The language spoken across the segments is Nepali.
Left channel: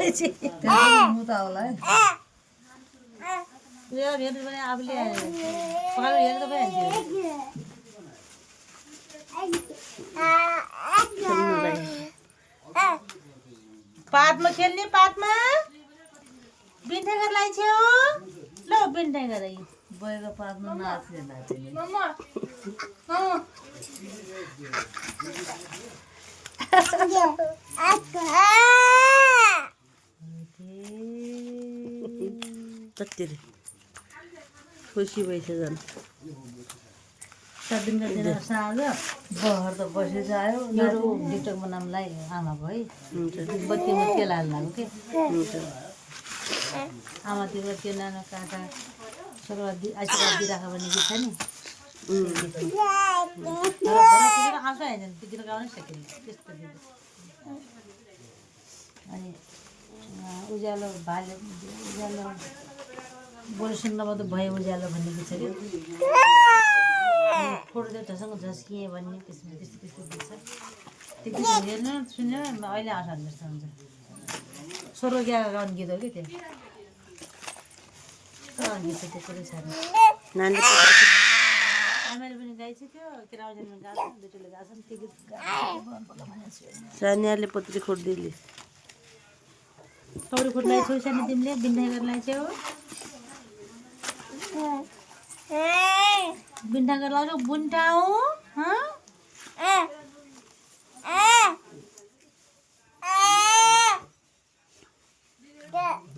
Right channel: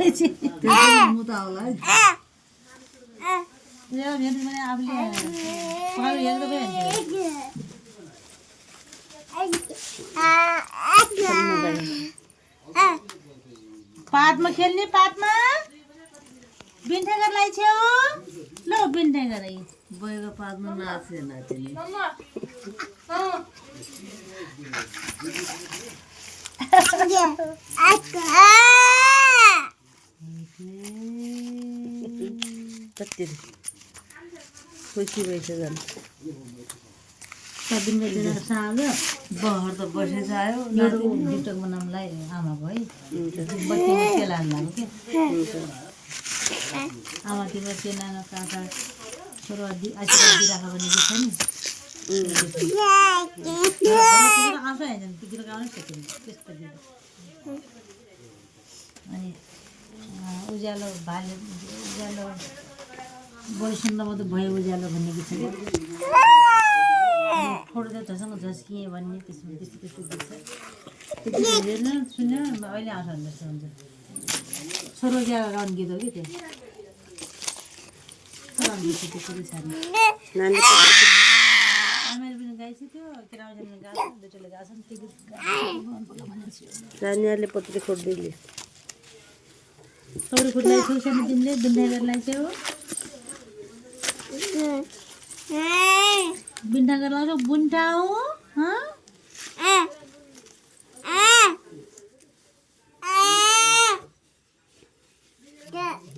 मुता होला है यो हेर्नु पनि आफूले पकाएर हेर्नु पऱ्यो पातमा खेल्ने पातमा बिन्ठागरलाई छेउ ल बिन्ठागर बएको पातमा नाचे नाच्ने कति खुसी भइसक्यो साग्यो बहर त बसिसक्यो मेरो भिडियो बनाउनुलाई आमाको है बत्तीमा तेल हाल्नु के आमा तिम्रो चेनानो काका छोरो आशीर्वाद दिइराख भने कि छैन आउँछ होइन त्यतिर गाउनै सकिन्छ त्यस्तो दिँदा अनि उज्यालो भाले उज्यालो बोइसुन्नमा त भयो उज्यालो भन्ने छ कि फोटो देउतासँग झस्किएँ भन्ने त्यसमा त्यस्तो त्यस्तो देख्छ त्यो हेर्नु सुन्यो अहिले आउँछ भने जस्तो हुन्छ छोरो क्या गाउनु गीत हो कि त्यो त्यो कुरो छ आमाले पनि गाइसक्यो किराउजनले गाएको दुईटोले गाएको त्यो गीत सानियाले पत्रे खोज्दैले पौडी खोज्लाई छोइसानो तिमीले बिन्ठागरलाई चाहिँ हो बिन्ठागर लाउँछौ बुन्टा हो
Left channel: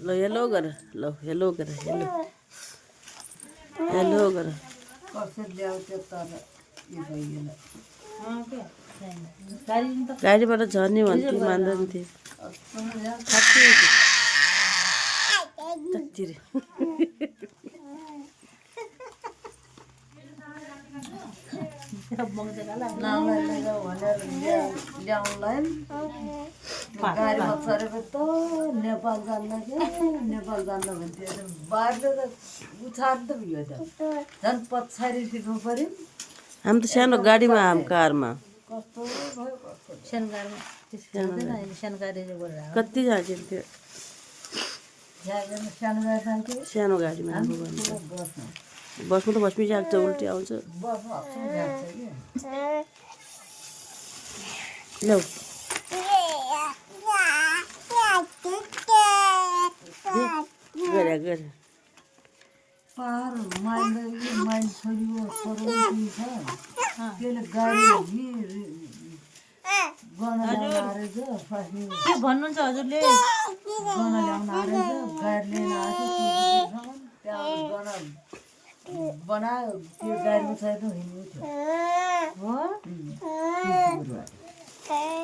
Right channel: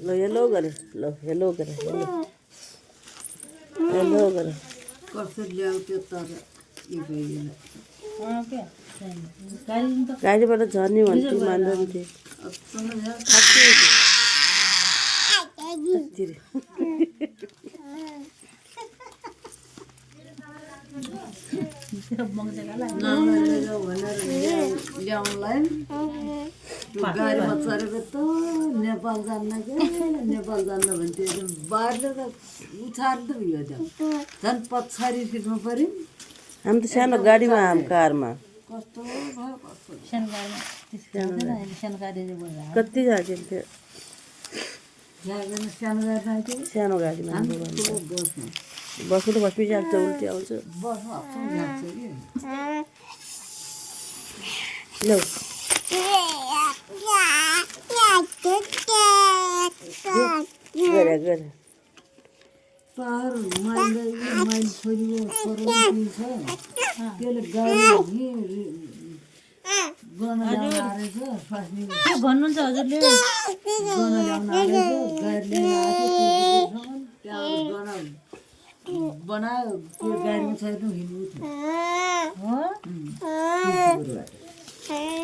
ल हेलो गर ल हेलो गर हेलो हेलो गर कसरी ल्याउँथ्यो तर यो भइएन गाडीबाट झर्ने भन्थ्यो मान्दैन थियो नामलाई लिएर भनेर ल्याउनलाई गाडीमा चढेको त नेपाल जान्न के नेपाल जान्न भन्थ्यो बाँडेर उछार्दै उयो झन् पछाडि सिक्नु पऱ्यो हामी त सानो गाडीमा कारमा कस्तो भयो कस्तो सानो गाडी कति झाँकिन्थ्यो सानो गाडी जान्थ्यो सानो गाडीमा बसमा बसमा त बसमै जान्छ उल्टी आउँछ बसमा जान्छ कि लौ गरे पार माइल छोरीको छोरो छ त्यसले गाडी गर्न ल्याउन आएछ फस्ने के भन्नुहुन्छ हजुरले गर्न ल्याउन आएछ गाडी लिएर आएको त्यहाँ गर्न बनायो त्यो गाडीमा छैन हिँड्नु थियो हो हो